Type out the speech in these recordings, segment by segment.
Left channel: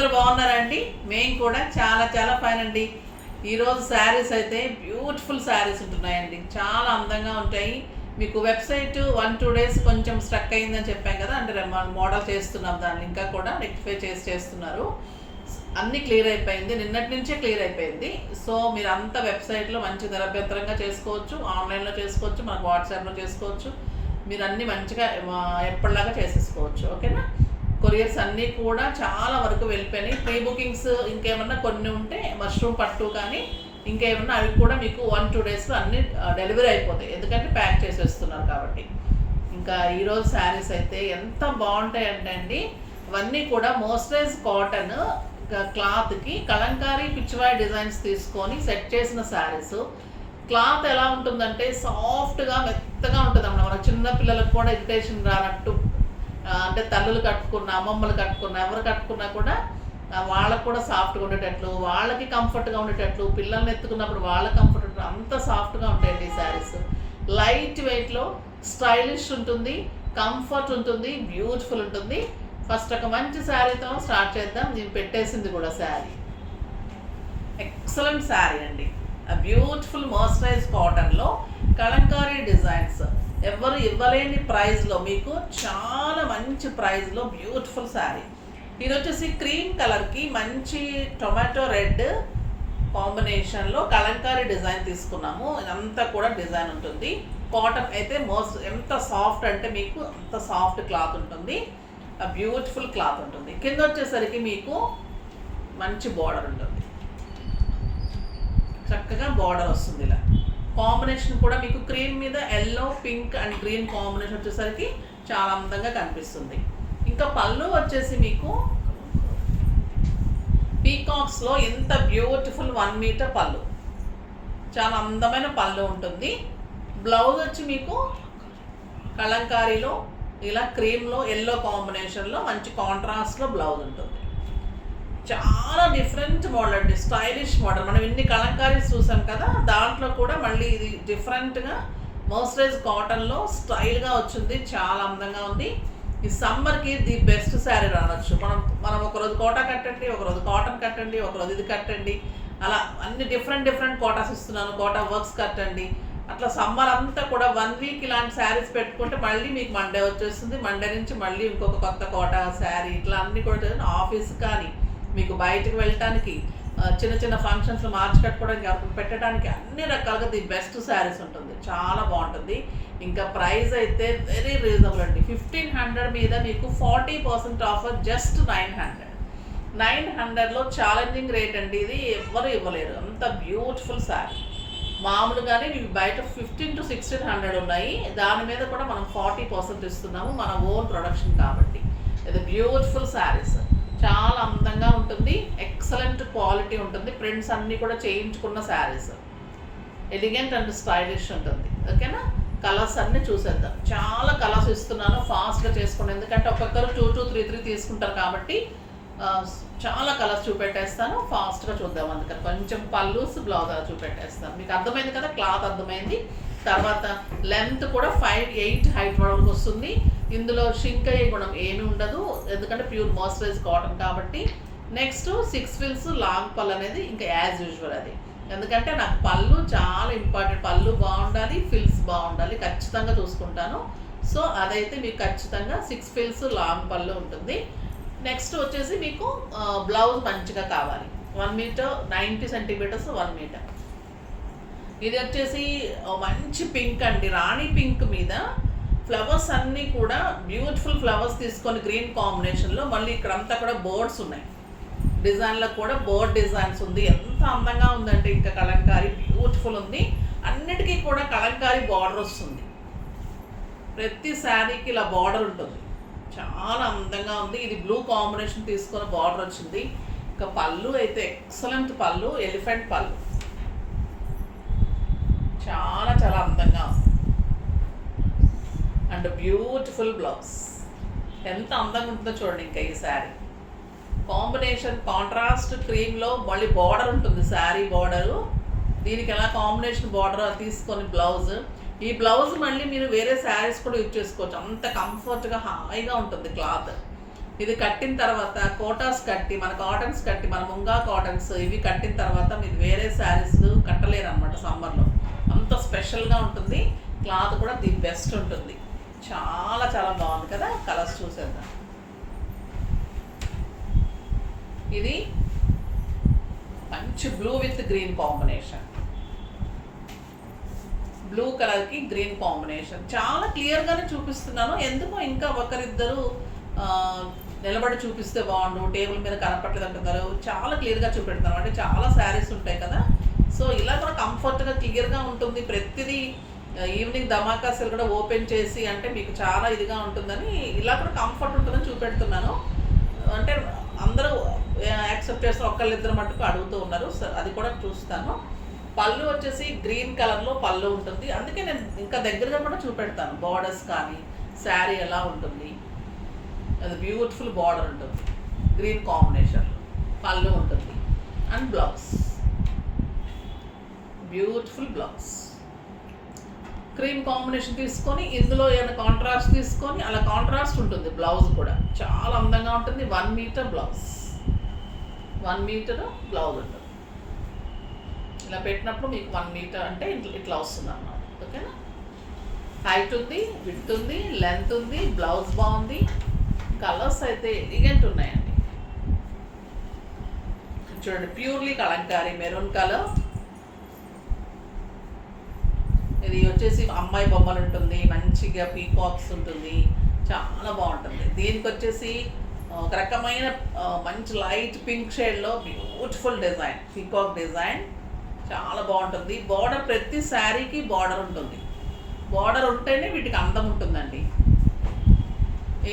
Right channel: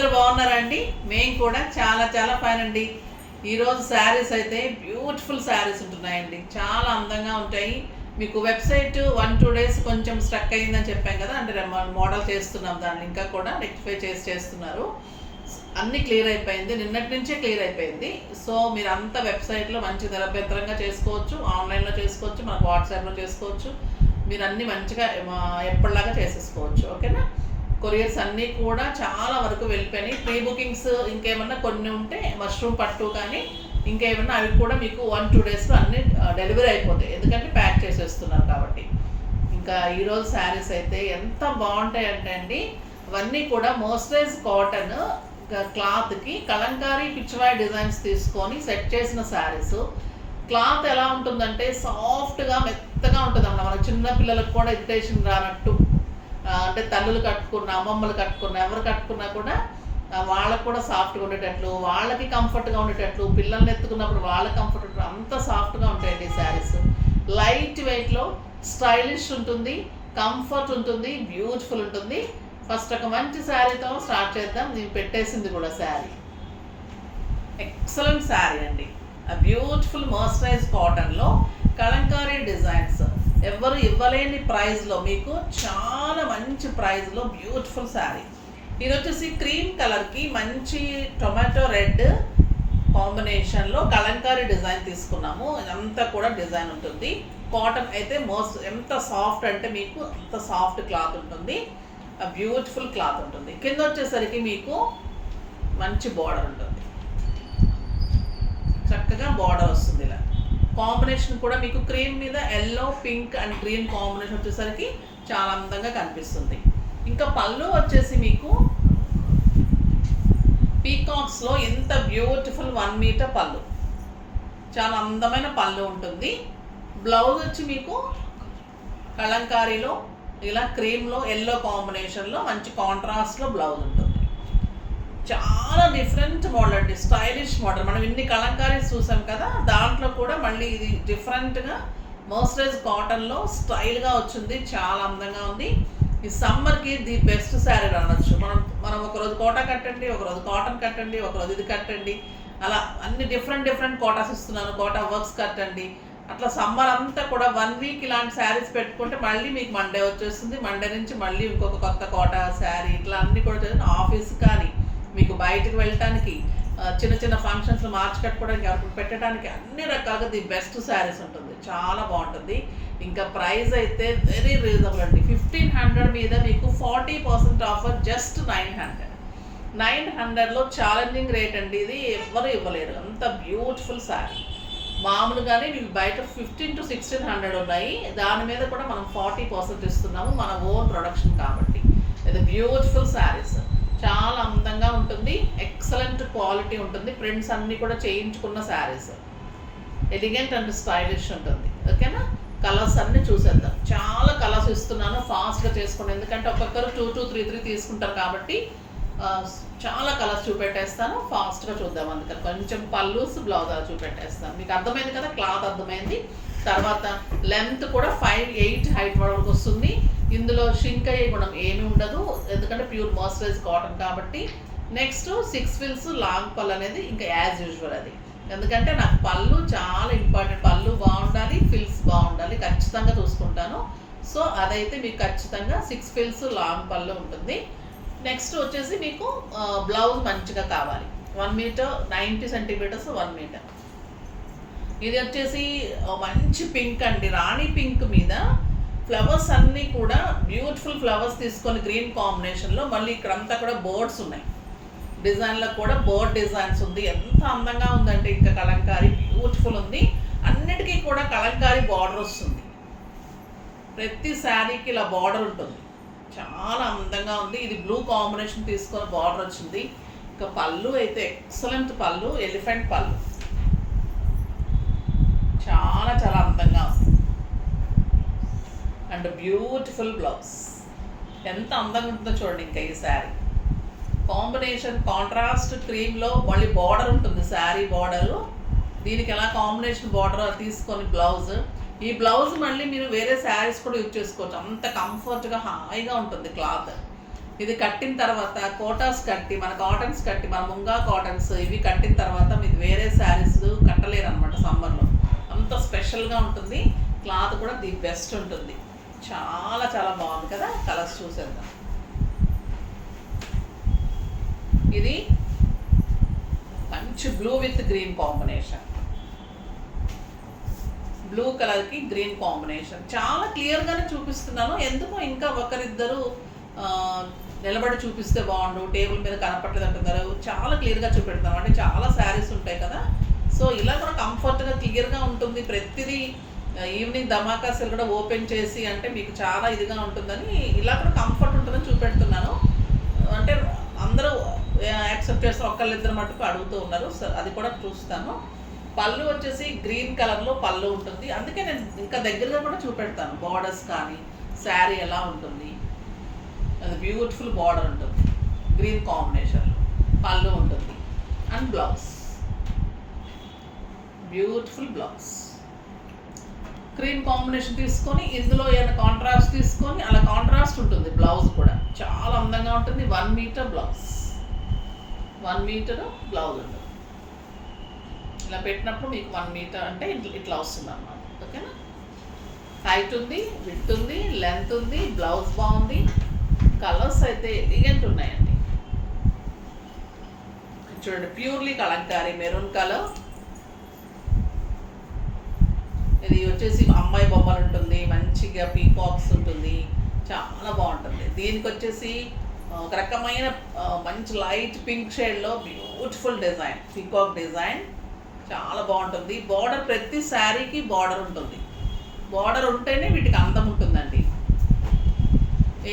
అందరూ బాగున్నారా అండి? మేము కూడా చాలా చాలా ఫైన్ అండి. ఈరోజు శారీస్ అయితే బ్యూటిఫుల్ శారీస్ ఉంటున్నాయండి, చాలా అందంగా ఉంటాయి. మీకు వెబ్సైట్ 1-2 డేస్ కొంచెం స్ట్రక్ అయ్యిందని చెప్పాం కదా, అంటే మోడల్ చేస్తున్నాం, దాన్ని ఇంకా కూడా రెక్టిఫై చేస్తున్నారు. అన్నీ క్లియర్ అయిపోయింది, నిన్నటి నుంచే క్లియర్ అయిపోయింది. సో మీరు అంతా వెబ్సైట్లో మంచి నిరభ్యంతరంగా చేసుకోవచ్చు, ఆన్లైన్లో చేసుకోవచ్చు, మనకు వాట్సాప్లో చేసుకోవచ్చు. మీరు అన్నీ మంచిగా ఎప్పటిలాగా చేసేసుకోవచ్చు. ఓకేనా? కొరియర్స్ అన్నీ కూడా చాలా వరకు వెళ్ళిపోయినాయి. ప్రీ బుకింగ్స్ ఇంకేమన్నా కొన్ని ఉంటే మష్రూమ్ పట్టు కానీ ఇంకేమన్నా అవి కూడా మీకు 1-2 డేస్లో అన్నీ డెలివరీ అయిపోతాయి, ఎందుకంటే ప్యాక్ చేసేస్తున్నారు కాబట్టి. ఇంకా ఈరోజు శారీస్ అయితే ఎంత బాగుంటాయి అంటే అండి, అవన్నీ కూడా మోయిశ్చరైజ్ కాటన్ క్లాత్కి కలంకారీ పిచ్చివాయి డిజైన్స్ తీసుకొని సెట్ చేసిన శారీస్. క్లాత్ ఎలా ఉంటుందంటే సాఫ్ట్గా మెత్తగా ఉంటుంది అన్నమాట. మన చిన్న పిల్లలకు కూడా ఇరిటేషన్ రానట్టు, అంటే తల్లులు కట్టుకున్న, అమ్మమ్మలు కట్టుకున్న, ఎవరు కట్టుకున్నా కూడా వాళ్ళకు కూడా సాఫ్ట్గా ఉండేటట్లు, వాళ్ళకి కంఫర్ట్గా ఉండేటట్లు, పిల్లల్ని ఎత్తుకున్నప్పుడు వాళ్ళకి కంఫర్ట్ అంత సాఫ్ట్గా ఉంటాయండి ఈ శారీస్. లైట్ వెయిట్లో స్టైలిష్ ఉంటుంది, కంఫర్ట్ ఉంటుంది, బ్యూటిఫుల్ ఉంటుంది. ఫస్ట్ ఒక మంచి శారీతో స్టార్ట్ చేద్దాం. నేను పెట్టేసింది కూడా శారీ ఎక్సలెంట్ శారీ అండి. బ్యూటిఫుల్ మర్సరైజ్ కాటన్లో కలంకారీ డిజైన్స్, ఎవరు ఇవ్వలేని ప్రైస్లో మీకు చాలా మంచి ప్రైస్లో బ్యూటిఫుల్ శారీ. ఇది వచ్చేసి క్రీమ్ కలర్కి మంచి టొమాటో రెడ్ కాంబినేషన్లో కలంకారీ డిజైన్ తీసుకున్నాము. ఇదంతా కూడా డిజైన్ ఉంటుంది. కాటన్ అయితే ఎంత సాఫ్ట్ అంటే మీకు అంత సాఫ్ట్ క్లాత్ ఉంటుంది, బ్యూటిఫుల్ క్లాత్ ఉంటుంది. కింద వచ్చేసరికి మీకు మంచి బార్డర్ ఉంటుంది, చక్కగా బార్డర్ వస్తుంది. ఇలా కాంబినేషన్ కూడా మీకు క్రీమ్ మీద yellow, pink and green combination వచ్చేసరికి చాలా అందంగా కనిపిస్తుంది. ఇంకా పళ్ళు వచ్చేసి మీకు పీకాక్స్లో ఎంత బ్యూటిఫుల్ 1 మీటర్ పళ్ళు, చాలా అందమైన పళ్ళు ఉంటుంది. బ్లౌజ్ వచ్చి మీకు కలంకారీలో ఇలా క్రీమ్లో ఎల్లో కాంబినేషన్లో మంచి కాంట్రాస్ట్లో బ్లౌజ్ ఉంటుంది. చాలా డిఫరెంట్ మోడల్ అండి, స్టైలిష్ మోడల్. మనం ఇన్ని కలంకారీస్ చూసాం కదా, దాంట్లో కూడా మళ్ళీ ఇది డిఫరెంట్గా మర్సరైజ్ కాటన్లో స్టైల్గా వచ్చింది, చాలా అందంగా ఉంది. ఈ సమ్మర్కి ది బెస్ట్ శారీ రానొచ్చు. మనం ఒకరోజు కోటా కట్టండి, ఒకరోజు కాటన్ కట్టండి, ఒకరోజు ఇది కట్టండి, అలా అన్ని డిఫరెంట్ కోటాస్ ఇస్తున్నాను. కోటా వర్క్స్ కట్టండి, అట్లా సమ్మర్ అంతా కూడా 1 వీక్ ఇలాంటి శారీస్ పెట్టుకుంటే మళ్ళీ మీకు మండే వచ్చేస్తుంది. మండే నుంచి మళ్ళీ ఇంకొక కొత్త కోటా శారీ, ఇట్లా అన్నీ కూడా ఆఫీస్ కానీ మీకు బయటకు వెళ్ళటానికి, చిన్న చిన్న ఫంక్షన్స్లో మార్చి కట్టుకోవడానికి, ఎవరికి పెట్టడానికి అన్ని రకాలుగా ది బెస్ట్ శారీస్ ఉంటుంది, చాలా బాగుంటుంది. ఇంకా ప్రైస్ అయితే వెరీ రీజనబుల్ అండి. 1500 మీద మీకు 40% ఆఫర్, జస్ట్ 900లో ఛాలెంజింగ్ రేట్ అండి. ఇది ఎవ్వరు ఇవ్వలేరు, అంత బ్యూటిఫుల్ శారీ. మామూలుగానే మీకు బయట 1500-1600 ఉన్నాయి, దాని మీద కూడా మనం 40% ఇస్తున్నాము, మన ఓన్ ప్రొడక్షన్ కాబట్టి. ఇది బ్యూటిఫుల్ శారీస్, చాలా అందంగా ఉంటుంది, ఎక్సలెంట్ క్వాలిటీ ఉంటుంది. ప్రింట్స్ అన్నీ కూడా చేయించుకున్న శారీస్, ఎలిగెంట్ అండ్ స్టైలిష్ ఉంటుంది. ఓకేనా? కలర్స్ అన్నీ చూసేద్దాం. చాలా కలర్స్ ఇస్తున్నాను, ఫాస్ట్గా చేసుకోండి, ఎందుకంటే ఒక్కొక్కరు 2-3 తీసుకుంటారు కాబట్టి చాలా కలర్స్ చూపెట్టేస్తాను, ఫాస్ట్గా చూద్దాం. అందుకని కొంచెం పల్లూస్ బ్లౌజ్ చూపెట్టేస్తాను. మీకు అర్థమైంది కదా, క్లాత్ అర్థమైంది. తర్వాత లెంత్ కూడా 5'8" హైట్ వరకు వస్తుంది. ఇందులో షింక్ అయ్యే గుణం ఏమీ ఉండదు, ఎందుకంటే ప్యూర్ మర్సరైజ్ కాటన్ కాబట్టి. నెక్స్ట్ 6 ఫిల్స్ లాంగ్ పళ్ళు అనేది ఇంకా యాజ్ యూజువల్ అది, ఎందుకంటే నాకు పళ్ళు చాలా ఇంపార్టెంట్. పళ్ళు బాగుండాలి, ఫిల్స్ బాగుండాలి, ఖచ్చితంగా చూసుకుంటాను. సో అదైతే మీకు ఖచ్చితంగా 6 ఫిల్స్ లాంగ్ పళ్ళు ఉంటుంది. నెక్స్ట్ వచ్చేసి మీకు బ్లౌజ్ మంచిగా కావాలి, 1 మీటర్ 90 సెంటీమీటర్స్ 1 మీటర్. ఇది వచ్చేసి మంచి పింక్ అండి, రాణి పింక్ మీద ఫ్లవర్స్ అన్నీ కూడా బ్యూటిఫుల్ ఫ్లవర్స్ తీసుకొని గ్రీన్ కాంబినేషన్లో, మళ్ళీ ఇక్కడంతా కూడా బోర్డ్స్ ఉన్నాయి, డిజైన్లో కూడా బోర్డ్ డిజైన్స్ ఉంది. ఎంత అందంగా ఉందంటే ఇంకా కలంకారీ బ్యూటిఫుల్ ఉంది. అన్నిటికీ కూడా కలంకారీ బార్డర్ వస్తుంది, ప్రతి శారీకి ఇలా బార్డర్ ఉంటుంది, చాలా అందంగా ఉంది. ఇది బ్లూ కాంబినేషన్ తీసుకొని బార్డర్ వచ్చింది. ఇంకా పళ్ళు అయితే ఎక్సలెంట్ పళ్ళు, ఎలిఫెంట్ పళ్ళు, చాలా చాలా అందంగా ఉంది. అండ్ బ్యూటిఫుల్ బ్లౌజ్, ఎంత అందంగా ఉంటుందో చూడండి. ఇంకా ఈ శారీ కాంబినేషన్ కాంట్రాస్ట్ క్రీమ్లో మళ్ళీ బార్డర్ ఉంటుంది, శారీ బార్డరు. దీనికి ఎలా కాంబినేషన్ బార్డర్ తీసుకొని బ్లౌజ్, ఈ బ్లౌజ్ మళ్ళీ మీరు వేరే శారీస్ కూడా యూజ్ చేసుకోవచ్చు, అంత కంఫర్ట్గా హాయిగా ఉంటుంది క్లాత్. ఇది కట్టిన తర్వాత కోటాస్ కట్టి, మన కాటన్స్ కట్టి, మన ముంగా కాటన్స్ ఇవి కట్టిన తర్వాత మీరు వేరే శారీస్ కట్టలేరు అనమాట సమ్మర్లో. అంత స్పెషల్గా ఉంటుంది. క్లాత్ కూడా ది బెస్ట్ ఉంటుంది. చాలా చాలా బాగుంది కదా. కలర్స్ చూసేద్దాం. ఇది మంచి blue with green combination. Blue కలర్కి గ్రీన్ కాంబినేషన్. చాలా క్లియర్గానే చూపిస్తున్నాను. ఎందుకో ఇంకా ఒకరిద్దరు నిలబడి చూపిస్తే బాగుండు, టేబుల్ మీద కనపట్లేదు అంటున్నారు. చాలా క్లియర్గా చూపెడతాను. అంటే చాలా శారీస్ ఉంటాయి కదా, సో ఇలా కూడా కంఫర్ట్గా క్లియర్గా ఉంటుంది. ప్రతిదీ ఈవినింగ్ ధమాకా సెల్ కూడా ఓపెన్ చేసి అంటే మీకు చాలా ఇదిగా ఉంటుందని ఇలా కూడా కంఫర్ట్ ఉంటుందని చూపెడుతున్నాను. అంటే అందరూ యాక్సెప్ట్ చేస్తారు, ఒక్కళ్ళిద్దరు మటుకు అడుగుతూ ఉన్నారు. అది కూడా చూస్తాను. పళ్ళు వచ్చేసి గ్రీన్ కలర్లో పళ్ళు ఉంటుంది. అందుకే నేను ఇంకా దగ్గరగా కూడా చూపెడతాను. బార్డర్స్ కానీ శారీ ఎలా ఉంటుంది, అది బ్యూటిఫుల్ బార్డర్ ఉంటుంది. గ్రీన్ కాంబినేషన్లో పళ్ళు ఉంటుంది. And blouse, beautiful blouse. Cream combination తీసుకొని ఇందులో ఏమైనా కాంట్రాస్ట్ తీసుకొని అలా కాంట్రాస్ట్ ఉంటుంది. బ్లౌజ్ కూడా చాలా అందంగా ఉంటుంది. 1 మీటర్ బ్లౌజ్, 1 మీటర్ బ్లౌజ్ ఉంటుంది. ఇలా పెట్టినప్పుడు మీకు 1 మీటర్ అంటే ఇట్లా వస్తుంది అన్నమాట. ఓకేనా. హైట్ ఉంది, విడ్త్ ఉంది, లెంత్ ఉంది. బ్లౌజ్ బాగుంది. కలర్స్ అయితే ఎలిగెంట్ ఉన్నాయండి. చూడండి, ప్యూర్లీ కలంకారీ మెరూన్ కలర్. ఇది వచ్చేసి అమ్మాయి బొమ్మలు ఉంటుంది. మంచిగా పీకాక్స్ ఉంటుంది. చాలా బాగుంటుంది. దీనికి వచ్చేసి ఒక రకమైన మంచి లైట్ పింక్ షేడ్లో బ్యూటిఫుల్ డిజైన్, పీకాక్ డిజైన్. చాలా బాగుంటుంది. బార్డర్ ప్రతి శారీకి బార్డర్ ఉంటుంది. బార్డర్ ఉంటేనే వీటికి అందం ఉంటుందండి.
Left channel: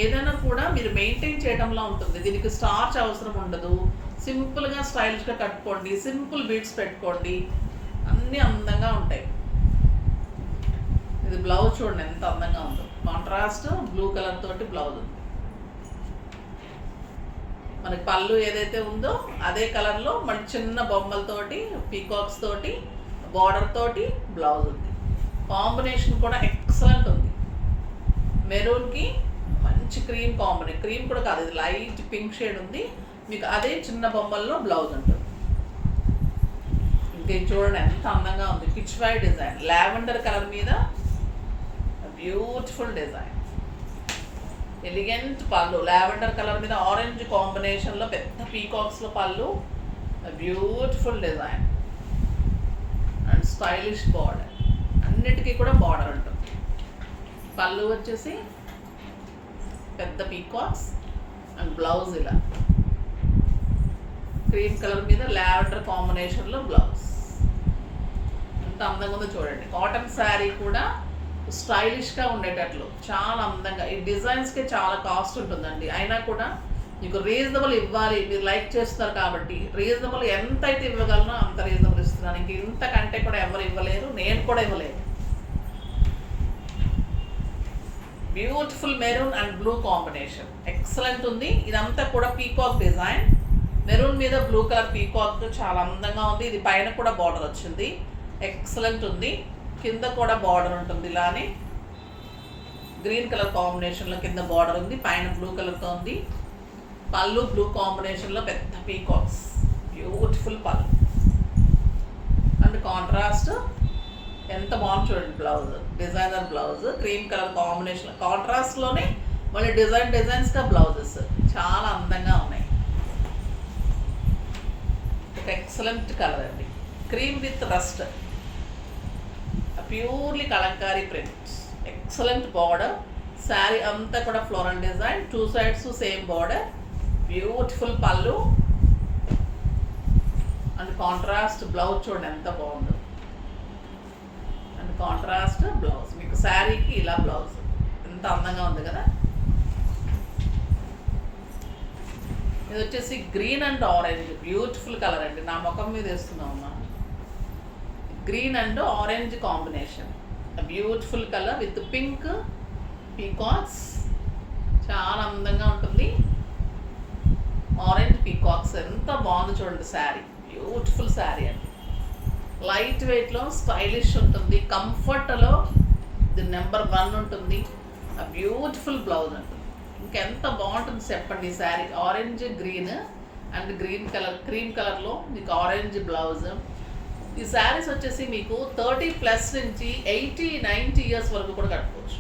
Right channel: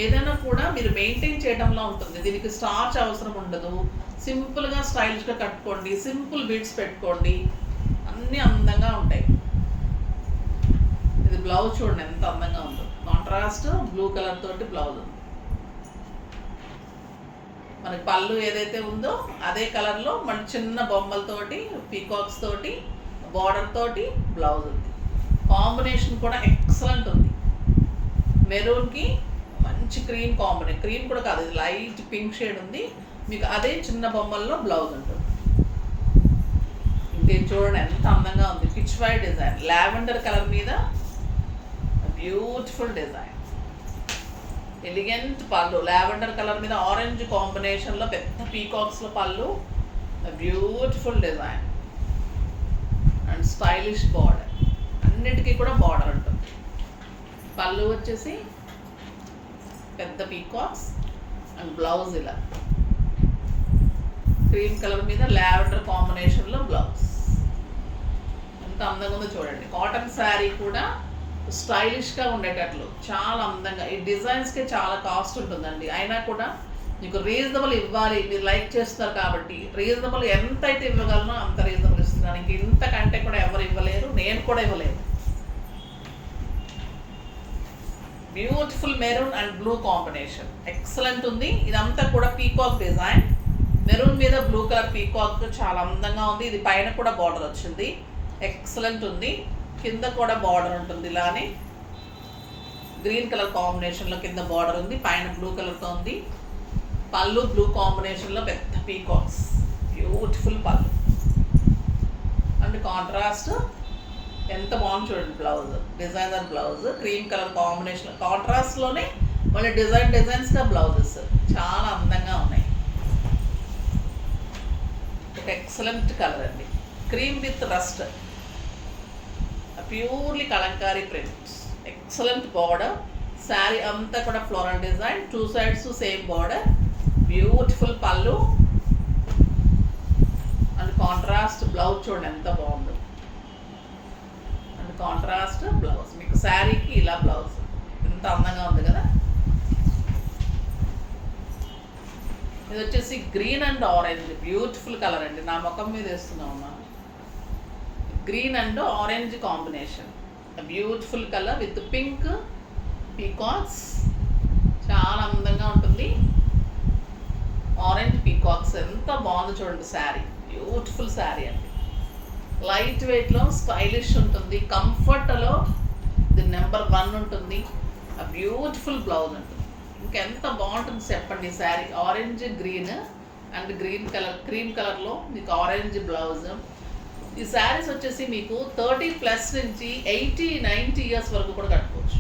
ఏదైనా కూడా మీరు మెయింటైన్ చేయడంలో ఉంటుంది. దీనికి స్టార్చ్ అవసరం ఉండదు. సింపుల్గా స్టైలిష్గా కట్టుకోండి. సింపుల్ బీడ్స్ పెట్టుకోండి. అన్నీ అందంగా ఉంటాయి. ఇది బ్లౌజ్ చూడండి ఎంత అందంగా ఉందో. కాంట్రాస్ట్ బ్లూ కలర్ తోటి బ్లౌజ్ ఉంది. మనకి పళ్ళు ఏదైతే ఉందో అదే కలర్లో మన చిన్న బొమ్మలతోటి పీకాక్స్ తోటి బార్డర్ తోటి బ్లౌజ్ ఉంది. కాంబినేషన్ కూడా ఎక్సలెంట్ ఉంది. మెరూన్కి మంచి క్రీమ్ కాంబినేషన్. క్రీమ్ కూడా కాదు, ఇది లైట్ పింక్ షేడ్ ఉంది. మీకు అదే చిన్న బొమ్మల్లో బ్లౌజ్ ఉంటుంది. ఇంకే చూడండి ఎంత అందంగా ఉంది. Pitch white design, lavender colour మీద బ్యూటిఫుల్ డిజైన్. ఎలిగెంట్ పళ్ళు, లావెండర్ కలర్ మీద ఆరెంజ్ కాంబినేషన్లో పెద్ద పీకాక్స్లో పళ్ళు. Beautiful design and stylish border. అన్నిటికీ కూడా బార్డర్ ఉంటుంది. పళ్ళు వచ్చేసి పెద్ద పీకాక్స్ అండ్ బ్లౌజ్ ఇలా క్రీమ్ కలర్ మీద లావెండర్ కాంబినేషన్లో బ్లౌజ్. ఎంత అందంగా ఉందో చూడండి. కాటన్ శారీ కూడా స్టైలిష్గా ఉండేటట్లు చాలా అందంగా. ఈ డిజైన్స్కే చాలా కాస్ట్ ఉంటుందండి. అయినా కూడా మీకు రీజనబుల్ ఇవ్వాలి. మీరు లైక్ చేస్తున్నారు కాబట్టి రీజనబుల్ ఎంత అయితే ఇవ్వగలనో అంత రీజనబుల్ ఇస్తున్నాను. ఇంక ఇంతకంటే కూడా ఎవరు ఇవ్వలేరు, నేను కూడా ఇవ్వలేను. Beautiful maroon and blue combination excellent ఉంది. ఇదంతా కూడా పీకాక్ డిజైన్. మెరూన్ మీద బ్లూ కలర్ పీకాక్ చాలా అందంగా ఉంది. ఇది పైన కూడా బార్డర్ వచ్చింది. ఎక్సలెంట్ ఉంది. కింద కూడా బార్డర్ ఉంటుంది. ఇలానే గ్రీన్ కలర్ కాంబినేషన్లో కింద బార్డర్ ఉంది. పైన బ్లూ కలర్తో ఉంది. పళ్ళు బ్లూ కాంబినేషన్లో పెద్ద పీకాక్స్. బ్యూటిఫుల్ పళ్ళు అండ్ కాంట్రాస్ట్ ఎంత బాగుంది చూడండి. Blouse designer blouse, cream colour combination. కాంట్రాస్ట్లోనే మళ్ళీ డిజైన్స్గా బ్లౌజెస్ చాలా అందంగా ఉన్నాయి. ఒక ఎక్సలెంట్ కలర్ అండి. Cream with rust, purely Kalamkari prints. Excellent border. Sari అంతా కూడా floral design. 2 sides same border. Beautiful పళ్ళు అండ్ కాంట్రాస్ట్ బ్లౌజ్ చూడండి ఎంత బాగుందో. And contrast blouse. మీకు శారీకి ఇలా బ్లౌజ్ ఎంత అందంగా ఉంది కదా. ఇది వచ్చేసి green and orange beautiful colour అండి. నా ముఖం మీద వేస్తున్నామమ్మా. Green and orange combination. Beautiful colour with pink peacocks. చాలా అందంగా ఉంటుంది. ఆరెంజ్ పీకాక్స్ ఎంత బాగుంది చూడండి. శారీ బ్యూటిఫుల్ శారీ అండి. లైట్ వెయిట్లో స్టైలిష్ ఉంటుంది. కంఫర్ట్లో ఇది నెంబర్ 1 ఉంటుంది. బ్యూటిఫుల్ బ్లౌజ్ ఉంటుంది. ఇంకెంత బాగుంటుంది చెప్పండి ఈ sari. Orange green and green colour, cream కలర్లో మీకు ఆరెంజ్ బ్లౌజ్. ఈ శారీస్ వచ్చేసి మీకు 30+ నుంచి 80-90 ఇయర్స్ వరకు కూడా కట్టుకోవచ్చు.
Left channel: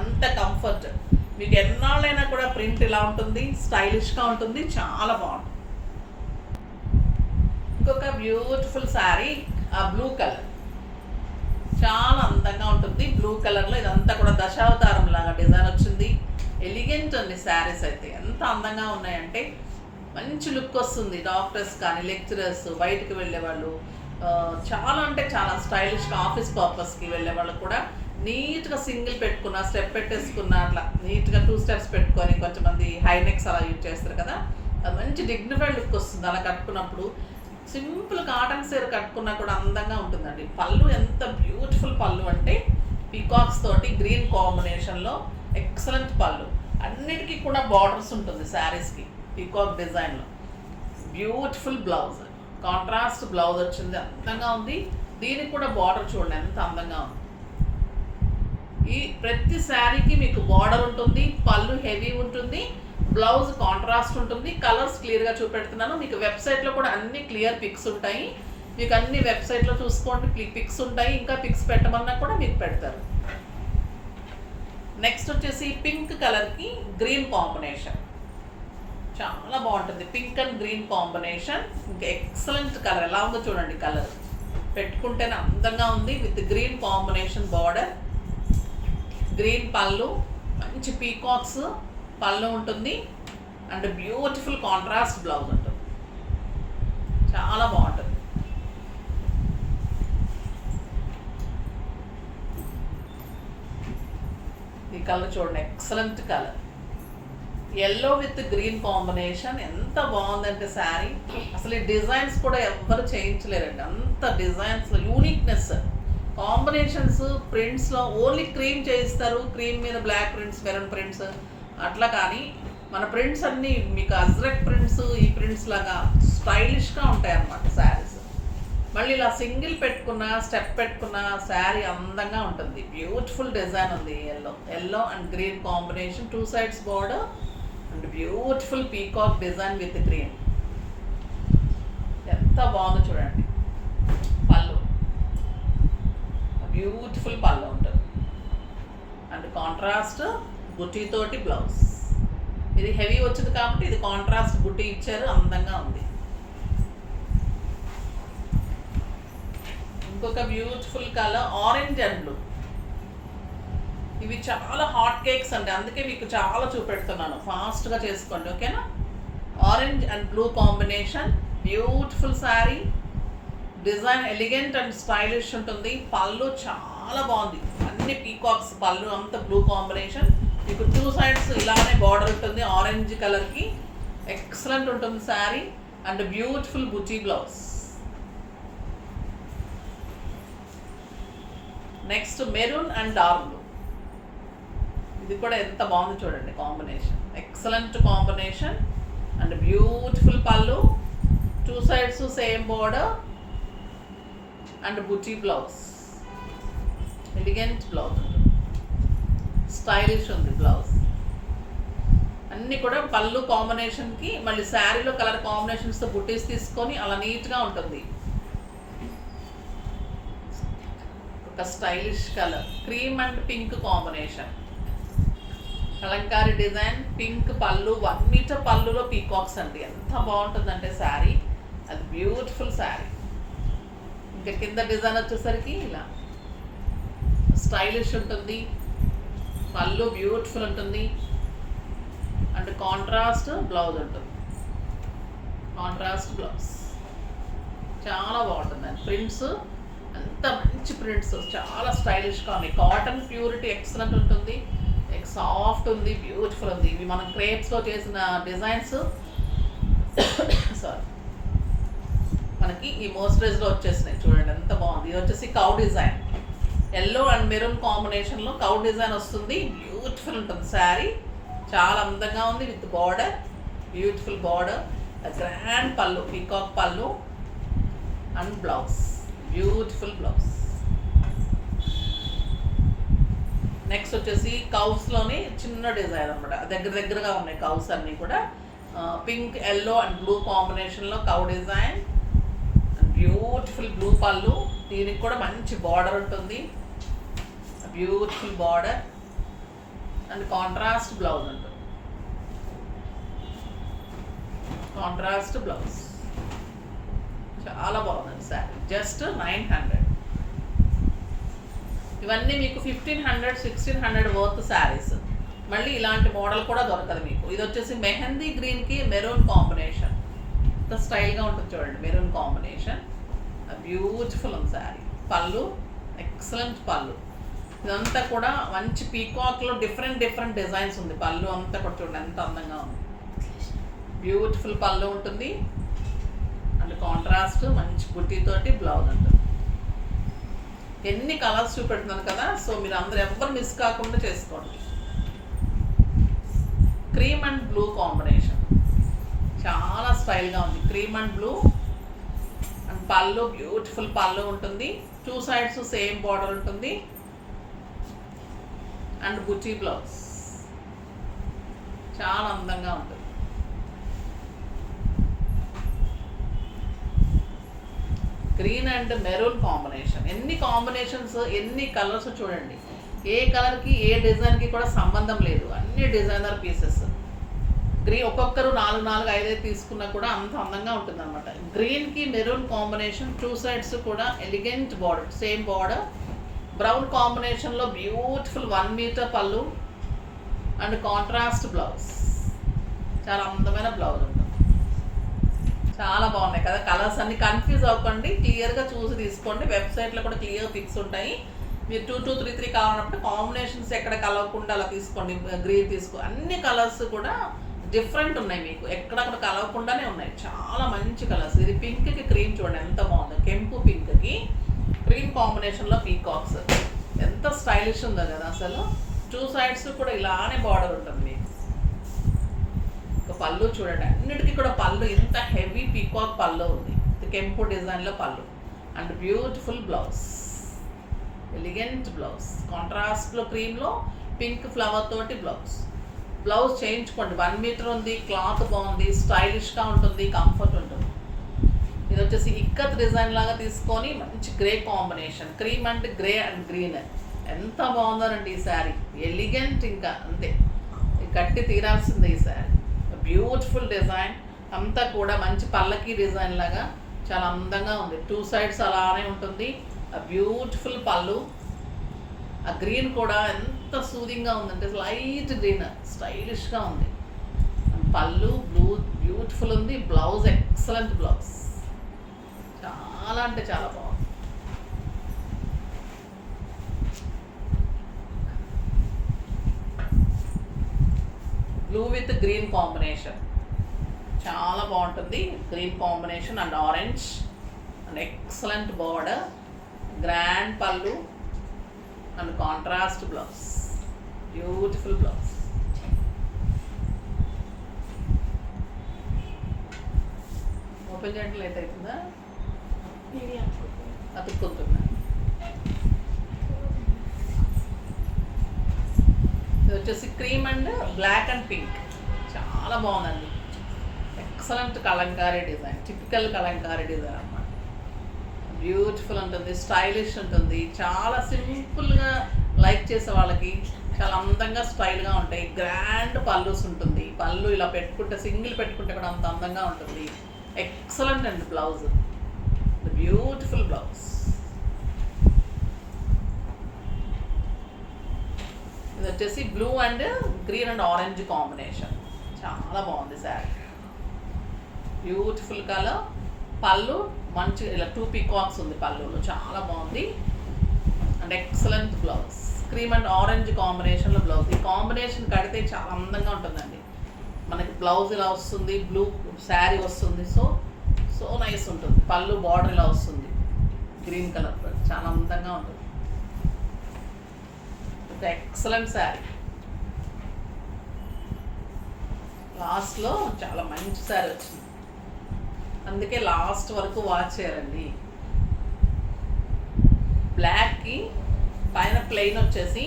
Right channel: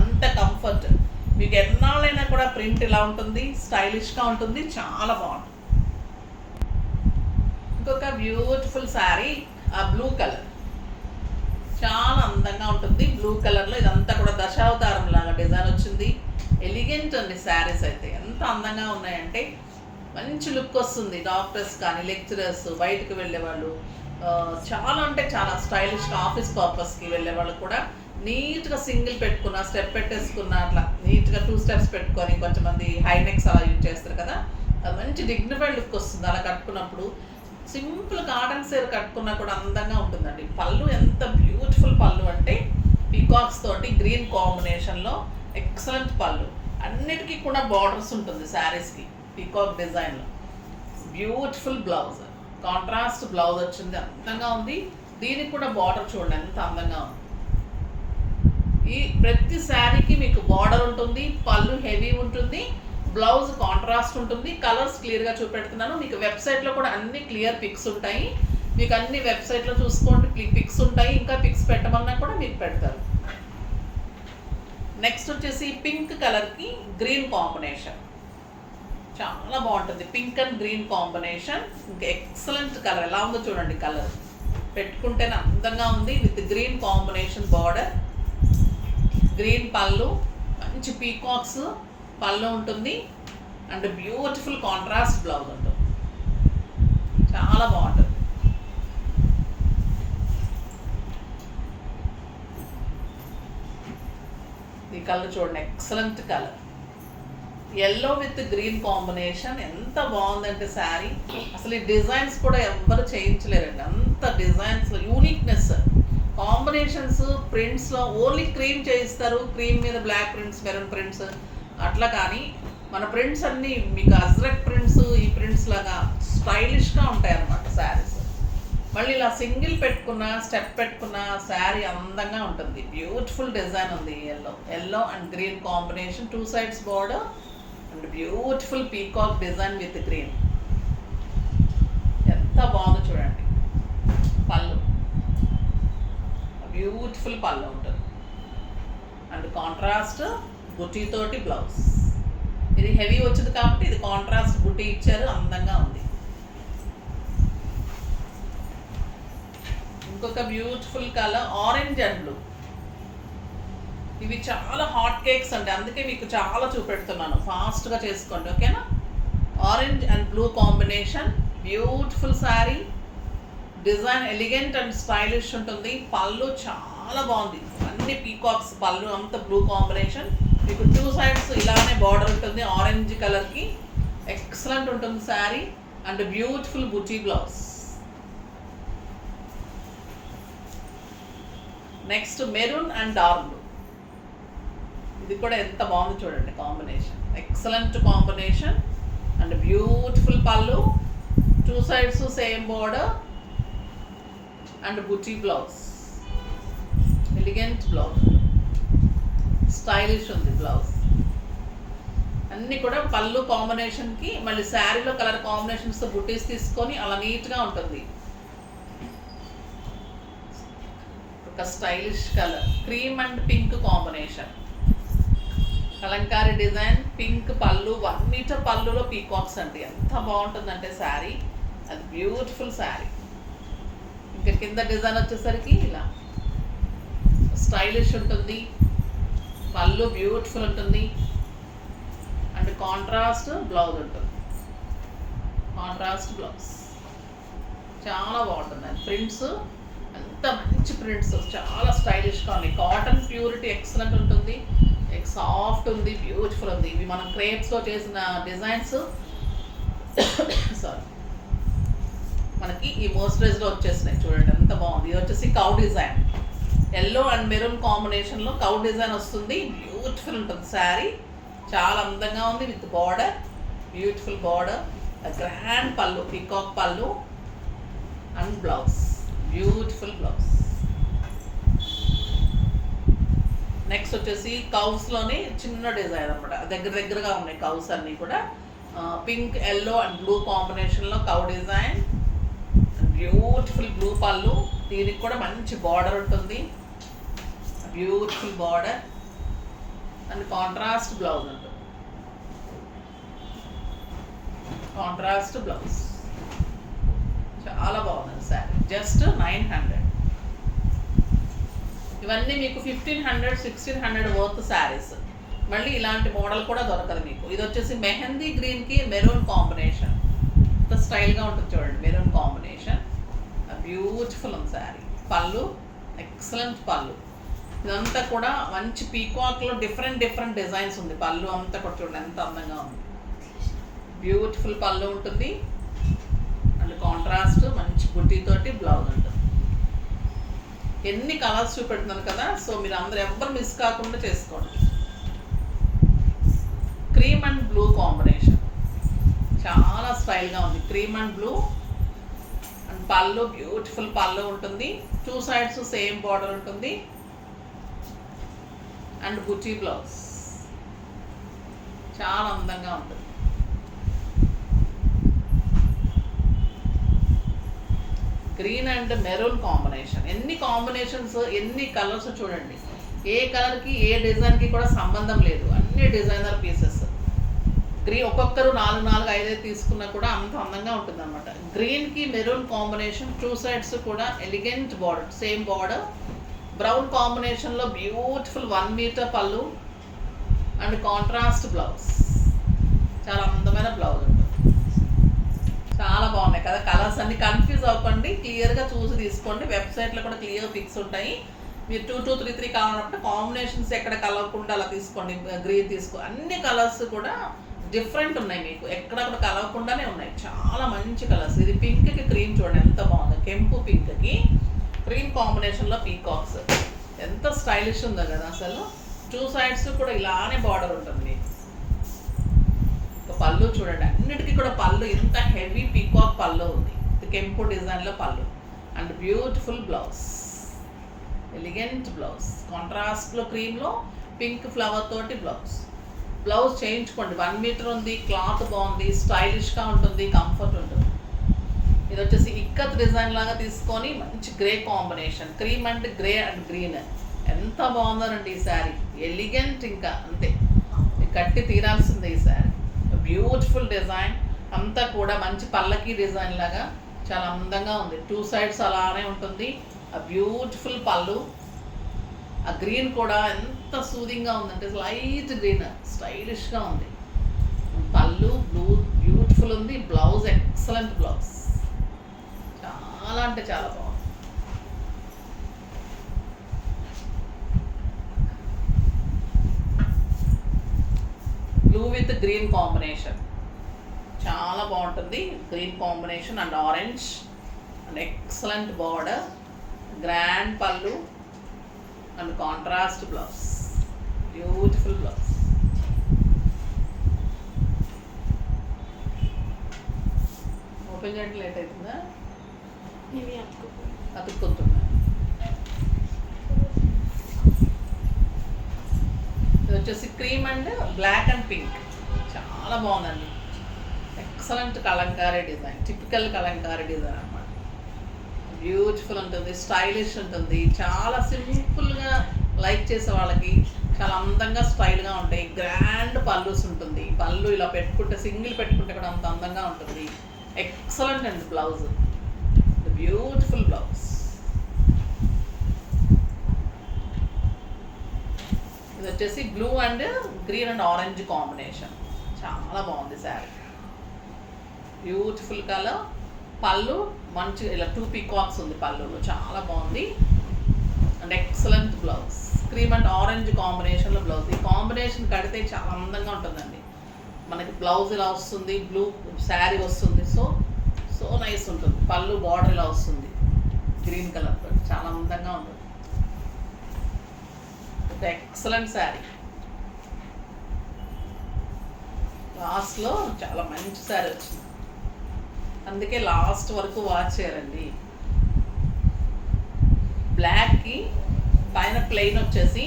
అంత కంఫర్ట్. మీకు ఎన్నాళ్ళైనా కూడా ప్రింట్ ఇలా ఉంటుంది, స్టైలిష్గా ఉంటుంది, చాలా బాగుంటుంది. ఇంకొక బ్యూటిఫుల్ శారీ, ఆ బ్లూ కలర్ చాలా అందంగా ఉంటుంది. బ్లూ కలర్లో ఇదంతా కూడా దశావతారం లాగా డిజైన్ వచ్చింది. ఎలిగెంట్ అండి శారీస్ అయితే. ఎంత అందంగా ఉన్నాయంటే మంచి లుక్ వస్తుంది. డాక్టర్స్ కానీ, లెక్చరర్స్, బయటకు వెళ్ళే వాళ్ళు, చాలా అంటే చాలా స్టైలిష్గా ఆఫీస్ పర్పస్కి వెళ్ళే వాళ్ళు కూడా నీట్గా సింగిల్ పెట్టుకున్న, స్టెప్ పెట్టేసుకున్న, అట్లా నీట్గా 2 స్టెప్స్ పెట్టుకొని, కొంతమంది హైనెక్స్ అలా యూజ్ చేస్తారు కదా, అది మంచి డిగ్నిఫైడ్ లుక్ వస్తుంది అలా కట్టుకున్నప్పుడు. సింపుల్ కాటన్ సీర కట్టుకున్నా కూడా అందంగా ఉంటుందండి. పళ్ళు ఎంత బ్యూటిఫుల్ పళ్ళు అంటే పీకాక్స్ తోటి గ్రీన్ కాంబినేషన్లో ఎక్సలెంట్ పళ్ళు. అన్నిటికీ కూడా బార్డర్స్ ఉంటుంది శారీస్కి పీకాక్ డిజైన్లో. బ్యూటిఫుల్ బ్లౌజ్, కాంట్రాస్ట్ బ్లౌజ్ వచ్చింది, అందంగా ఉంది. దీనికి కూడా బార్డర్ చూడండి ఎంత అందంగా ఉంది. ఈ ప్రతి శారీకి మీకు బార్డర్ ఉంటుంది, పళ్ళు హెవీ ఉంటుంది, బ్లౌజ్ కాంట్రాస్ట్ ఉంటుంది. కలర్స్ క్లియర్గా చూపెడుతున్నాను. మీకు వెబ్సైట్లో కూడా అన్ని క్లియర్ పిక్స్ ఉంటాయి. మీకు అన్ని వెబ్సైట్లో చూసుకోండి, పిక్స్ ఉంటాయి. ఇంకా పిక్స్ పెట్టమన్నా కూడా మీకు పెడతారు. నెక్స్ట్ వచ్చేసి పింక్ కలర్కి గ్రీన్ కాంబినేషన్ చాలా బాగుంటుంది. పింక్ అండ్ గ్రీన్ కాంబినేషన్ ఇంకా ఎక్సలెంట్ కలర్. ఎలా ఉందో చూడండి, కలర్ పెట్టుకుంటేనే అందంగా ఉంది. With green combination border, green పళ్ళు, మంచి పీకాక్స్ పళ్ళు ఉంటుంది అండ్ బ్యూటిఫుల్ కాంట్రాస్ట్ బ్లౌజ్ ఉంటుంది. చాలా బాగుంటుంది. ఈ కలర్ చూడండి, excellent colour. Yellow with green combination ఎంత బాగుందంటే శారీ. అసలు ఈ డిజైన్స్ కూడా ఎవ్వరు చేయించలేరండి. అంత డిజైన్స్లో యూనిక్నెస్, కాంబినేషన్స్, ప్రింట్స్లో ఓన్లీ క్రీమ్ చేయిస్తారు. క్రీమ్ మీద బ్లాక్ ప్రింట్స్, మెరూన్ ప్రింట్స్ అట్లా. కానీ మన ప్రింట్స్ అన్నీ మీకు అజ్రక్ ప్రింట్స్, ఈ ప్రింట్స్ లాగా స్టైలిష్గా ఉంటాయి అన్నమాట శారీస్. మళ్ళీ ఇలా సింగిల్ పెట్టుకున్న, స్టెప్ పెట్టుకున్న శారీ అందంగా ఉంటుంది. బ్యూటిఫుల్ డిజైన్ ఉంది. Yellow and green combination, 2 sides border and beautiful peacock design with green. ఎంత బాగుందో చూడండి. పళ్ళు బ్యూటిఫుల్ పళ్ళు ఉంటుంది అండ్ కాంట్రాస్ట్ బుటీతోటి బ్లౌజ్. ఇది హెవీ వచ్చింది కాబట్టి ఇది కాంట్రాస్ట్ బుటీ ఇచ్చారు, అందంగా ఉంది. ఇంకొక beautiful colour orange and blue. ఇవి చాలా హాట్ కేక్స్ అండి, అందుకే మీకు చాలా చూపెడుతున్నాను. ఫాస్ట్గా చేసుకోండి, ఓకేనా. Orange and blue combination, beautiful sari. Design elegant and stylish ఉంటుంది. పళ్ళు చాలా బాగుంది, అన్ని పీకాక్స్ పళ్ళు, అంత బ్లూ కాంబినేషన్. మీకు 2 sides ఇలానే బార్డర్ ఉంటుంది ఆరెంజ్ కలర్కి. ఎక్సలెంట్ ఉంటుంది sari and beautiful buti blouse. Next maroon and dark blue. ఇది కూడా ఎంత బాగుంది చూడండి combination. Excellent combination and beautiful పళ్ళు, 2 sides same border and buti blouse. Elegant blouse, stylish ఉంది బ్లౌజ్. అన్నీ కూడా పళ్ళు కాంబినేషన్కి మళ్ళీ శారీలో కలర్ కాంబినేషన్స్ బుటీస్ తీసుకొని అలా నీట్గా ఉంటుంది. ఒక stylish colour, cream and pink combination, Kalamkari design, pink పళ్ళు, 1 meter పళ్ళులో పీకాక్స్ అండి. ఎంత బాగుంటుందంటే శారీ, అది బ్యూటిఫుల్ శారీ. ఇంకా కింద డిజైన్ వచ్చేసరికి ఇలా స్టైలిష్ ఉంటుంది. పళ్ళు బ్యూటిఫుల్ ఉంటుంది అండ్ కాంట్రాస్ట్ బ్లౌజ్ ఉంటుంది. కాంట్రాస్ట్ బ్లౌజ్ చాలా బాగుంటుందండి. ప్రింట్స్ అంత మంచి ప్రింట్స్, చాలా స్టైలిష్గా ఉన్నాయి. కాటన్ ప్యూరిటీ ఎక్సలెంట్ ఉంటుంది, సాఫ్ట్ ఉంది, బ్యూటిఫుల్ ఉంది. ఇవి మనం క్రేప్స్లో చేసిన డిజైన్స్ సారీ మనకి ఈ మోస్టరైజ్లో వచ్చేసినాయి. చూడండి ఎంత బాగుంది. ఇది వచ్చేసి cow design, yellow and maroon కాంబినేషన్లో కౌ డిజైన్ వస్తుంది. బ్యూటిఫుల్ ఉంటుంది శారీ, చాలా అందంగా ఉంది. With border, beautiful border, grand పళ్ళు, పీకాక్ పళ్ళు and blouse, beautiful blouse. Next వచ్చేసి కౌస్లోని చిన్న డిజైన్ అనమాట, దగ్గరగా ఉన్నాయి కౌస్ అన్నీ కూడా. పింక్, ఎల్లో అండ్ బ్లూ కాంబినేషన్లో కౌ డిజైన్. బ్యూటిఫుల్ బ్లూ పళ్ళు, దీనికి కూడా మంచి బార్డర్ ఉంటుంది, beautiful border and contrast blouse ఉంటుంది, కాంట్రాస్ట్ బ్లౌజ్. చాలా బాగుంది శారీ, జస్ట్ 900. ఇవన్నీ మీకు 1500, 1600 వర్త్ శారీస్. మళ్ళీ ఇలాంటి మోడల్ కూడా దొరకదు మీకు. ఇది వచ్చేసి మెహందీ గ్రీన్కి మెరూన్ కాంబినేషన్, ఇంత స్టైల్గా ఉంటుంది చూడండి, మెరూన్ కాంబినేషన్. బ్యూటిఫుల్ ఉంది శారీ. పళ్ళు ఎక్సలెంట్ పళ్ళు. ఇదంతా కూడా మంచి పీకాక్లో డిఫరెంట్ డిజైన్స్ ఉంది. పళ్ళు అంతా కూడా చూడండి ఎంత అందంగా ఉంది. బ్యూటిఫుల్ పళ్ళు ఉంటుంది అండ్ కాంట్రాస్ట్ మంచి బుట్టితోటి బ్లౌజ్ ఉంటుంది. ఎన్ని కలర్స్ చూపెడుతున్నాను కదా, సో మీరు అందరూ ఎవ్వరు మిస్ కాకుండా చేసుకోండి. క్రీమ్ అండ్ బ్లూ కాంబినేషన్ చాలా స్టైల్గా ఉంది. క్రీమ్ అండ్ బ్లూ అండ్ పళ్ళు బ్యూటిఫుల్ పళ్ళు ఉంటుంది. 2 sides సేమ్ బార్డర్ ఉంటుంది అండ్ బుటీ బ్లౌజ్ చాలా అందంగా ఉంటుంది. Green and maroon combination. ఎన్ని కాంబినేషన్స్, ఎన్ని కలర్స్ చూడండి. ఏ కలర్కి ఏ డిజైన్కి కూడా సంబంధం లేదు, అన్ని డిజైనర్ పీసెస్. గ్రీన్ ఒక్కొక్కరు 4, 5 తీసుకున్నా కూడా అంత అందంగా ఉంటుంది అనమాట. గ్రీన్కి మెరూన్ కాంబినేషన్, 2 sides కూడా elegant border, same border. Brown కాంబినేషన్లో బ్యూటిఫుల్ 1 మీటర్ పళ్ళు అండ్ కాంట్రాస్ట్ బ్లౌజ్. చాలా అందమైన బ్లౌజ్ ఉంటుంది. చాలా బాగున్నాయి కదా కలర్స్ అన్ని. కన్ఫ్యూజ్ అవ్వకండి, క్లియర్గా చూసి తీసుకోండి. వెబ్సైట్లో కూడా క్లియర్ పిక్స్ ఉంటాయి. మీరు 2, 2, 3, 3 కావాలన్నప్పుడు కాంబినేషన్స్ ఎక్కడ కలవకుండా అలా తీసుకోండి. గ్రీన్ తీసుకో, అన్ని కలర్స్ కూడా డిఫరెంట్ ఉన్నాయి మీకు, ఎక్కడ కూడా కలవకుండానే ఉన్నాయి. చాలా మంచి కలర్స్. ఇది పింక్కి క్రీమ్ చూడండి ఎంత బాగుంది. కెంపు పింక్కి క్రీమ్ కాంబినేషన్లో పీకాక్స్ ఎంత స్టైలిష్ ఉందో కదా అసలు. 2 sides కూడా ఇలానే బార్డర్ ఉంటుంది మీకు. పళ్ళు చూడండి, అన్నిటికీ కూడా పళ్ళు ఇంత హెవీ పీకాక్ పళ్ళు ఉంది. కెంపు డిజైన్లో పళ్ళు and beautiful blouse, elegant blouse. కాంట్రాస్ట్లో క్రీమ్లో పింక్ ఫ్లవర్ తోటి బ్లౌజ్ చేయించుకోండి. 1 మీటర్ ఉంది, క్లాత్ బాగుంది, స్టైలిష్గా ఉంటుంది, కంఫర్ట్ ఉంటుంది. ఇది వచ్చేసి ఇక్కత్ డిజైన్ లాగా తీసుకొని మంచి grey combination, cream and grey and green. ఎంత బాగుందోనండి ఈ శారీ, ఎలిగెంట్. ఇంకా అంతే, కట్టి తీరాల్సిందే ఈ శారీ. బ్యూటిఫుల్ డిజైన్ అంతా కూడా మంచి పల్లకి డిజైన్ లాగా చాలా అందంగా ఉంది. 2 sides అలానే ఉంటుంది. ఆ బ్యూటిఫుల్ పళ్ళు, ఆ గ్రీన్ కూడా ఎంత సూదింగ్గా ఉందంటే లైట్ గ్రీన్, స్టైలిష్గా ఉంది. పళ్ళు బ్లూ బ్యూటిఫుల్ ఉంది. బ్లౌజ్ ఎక్సలెంట్ బ్లౌజ్, చాలా అంటే చాలా బాగుంది. బ్లూ విత్ గ్రీన్ కాంబినేషన్ చాలా బాగుంటుంది. Green combination and orange and excellent border, grand పళ్ళు and contrast blouse, beautiful blouse. Open చేయడం లేట్ అవుతుందా? అతుక్కుంటున్నా. ఇది వచ్చేసి cream and black and pink, చాలా బాగుందండి. Excellent Kalamkari design, typical Kalamkari design అనమాట. బ్యూటిఫుల్ ఉంటుంది, స్టైలిష్ ఉంటుంది. చాలా సింపుల్గా లైక్ చేసే వాళ్ళకి చాలా అందంగా స్టైల్గా ఉంటాయి. గ్రాండ్ పళ్ళుస్ ఉంటుంది. పళ్ళు ఇలా పెట్టుకుంటే, సింగిల్ పెట్టుకుంటే కూడా అంత అందంగా ఉంటుంది. ఎక్సలెంట్ అండి బ్లౌజ్, బ్యూటిఫుల్ బ్లౌజ్. ఇది వచ్చేసి blue and green and orange combination, చాలా బాగుంది శారీ. బ్యూటిఫుల్ కలర్, పళ్ళు మంచి ఇలా 2 పీకాక్స్ ఉంది పళ్ళులో, చాలా బాగుంది. And excellent blouse, cream and orange కాంబినేషన్లో బ్లౌజ్. ఈ కాంబినేషన్ కడితే చాలా అందంగా ఉంటుందండి. మనకి బ్లౌజ్ ఇలా వస్తుంది, బ్లూ శారీ వస్తుంది, సో నైస్ ఉంటుంది. పళ్ళు బార్డర్ ఇలా వస్తుంది గ్రీన్ కలర్తో, చాలా అందంగా ఉంటుంది. ఒక ఎక్సలెంట్ శారీ. లాస్ట్లో చాలా మంచి శారీ వచ్చింది, అందుకే లాస్ట్ వరకు వాచ్ చేయాలండి. బ్లాక్కి పైన ప్లెయిన్ వచ్చేసి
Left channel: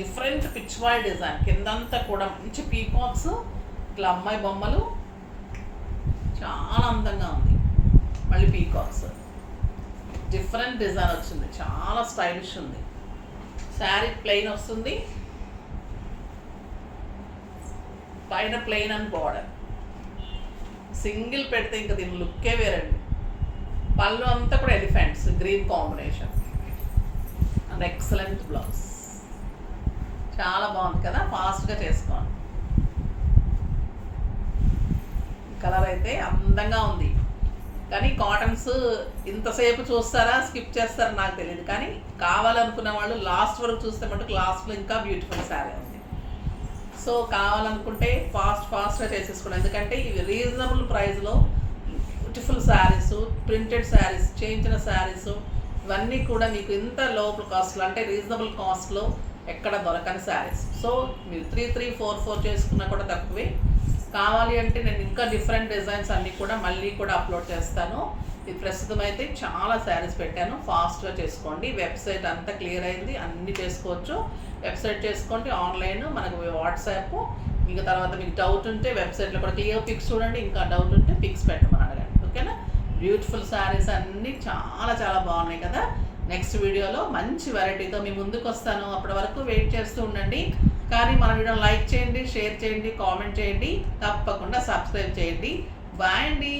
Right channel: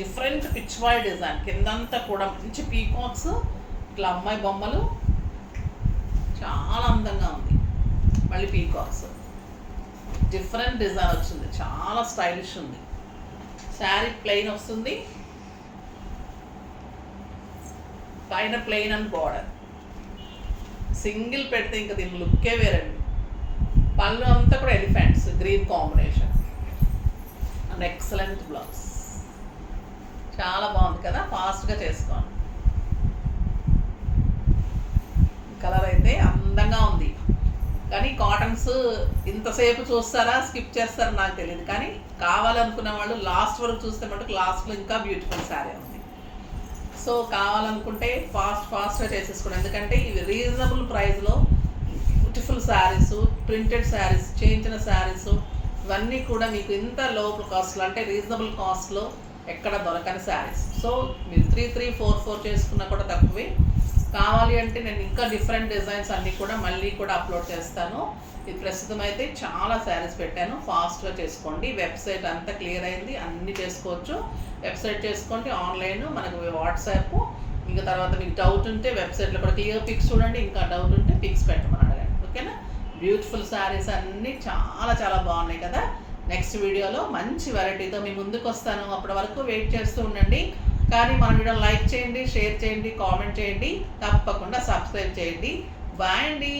డిఫరెంట్ పిచ్ బాయ్ డిజైన్, కిందంతా కూడా మంచి పీకాక్స్, ఇట్లా అమ్మాయి బొమ్మలు, చాలా అందంగా ఉంది. మళ్ళీ పీకాక్స్, డిఫరెంట్ డిజైన్ వచ్చింది, చాలా స్టైలిష్ ఉంది. శారీ ప్లెయిన్ వస్తుంది, పైన ప్లెయిన్ అండ్ బార్డర్. సింగిల్ పెడితే ఇంకా దీని లుక్కే వేరండి. పళ్ళు అంతా కూడా elephants green combination and excellent blouse. చాలా బాగుంది కదా, ఫాస్ట్గా చేసుకోండి. కలర్ అయితే అందంగా ఉంది, కానీ కాటన్స్ ఇంతసేపు చూస్తారా స్కిప్ చేస్తారా నాకు తెలియదు, కానీ కావాలనుకున్న వాళ్ళు లాస్ట్ వరకు చూస్తే మటుకు లాస్ట్లో ఇంకా బ్యూటిఫుల్ శారీ ఉంది. సో కావాలనుకుంటే ఫాస్ట్గా చేసేసుకోండి, ఎందుకంటే ఇవి రీజనబుల్ ప్రైస్లో బ్యూటిఫుల్ శారీస్, ప్రింటెడ్ శారీస్, చేయించిన శారీస్ ఇవన్నీ కూడా మీకు ఇంత లో కాస్ట్లో అంటే రీజనబుల్ కాస్ట్లో ఎక్కడ దొరకని శారీస్. సో మీరు 3344 చేసుకున్నా కూడా తక్కువే. కావాలి అంటే నేను ఇంకా డిఫరెంట్ డిజైన్స్ అన్నీ కూడా మళ్ళీ కూడా అప్లోడ్ చేస్తాను. ఇది ప్రస్తుతం అయితే చాలా శారీస్ పెట్టాను, ఫాస్ట్గా చేసుకోండి. వెబ్సైట్ అంతా క్లియర్ అయింది, అన్నీ చేసుకోవచ్చు. వెబ్సైట్ చేసుకోండి, ఆన్లైన్ మనకు వాట్సాప్. ఇంకా తర్వాత మీకు డౌట్ ఉంటే వెబ్సైట్లో కూడా క్లియర్ పిక్స్ చూడండి, ఇంకా డౌట్ ఉంటే పిక్స్ పెట్టమని అడగండి. ఓకేనా? బ్యూటిఫుల్ శారీస్ అన్నీ చాలా చాలా బాగున్నాయి కదా. నెక్స్ట్ వీడియోలో మంచి వెరైటీతో మీ ముందుకు వస్తాను. అప్పటి వరకు వెయిట్ చేస్తూ ఉండండి. కానీ మన వీడియోని లైక్ చేయండి, షేర్ చేయండి, కామెంట్ చేయండి, తప్పకుండా సబ్స్క్రైబ్ చేయండి. బాయ్ అండి.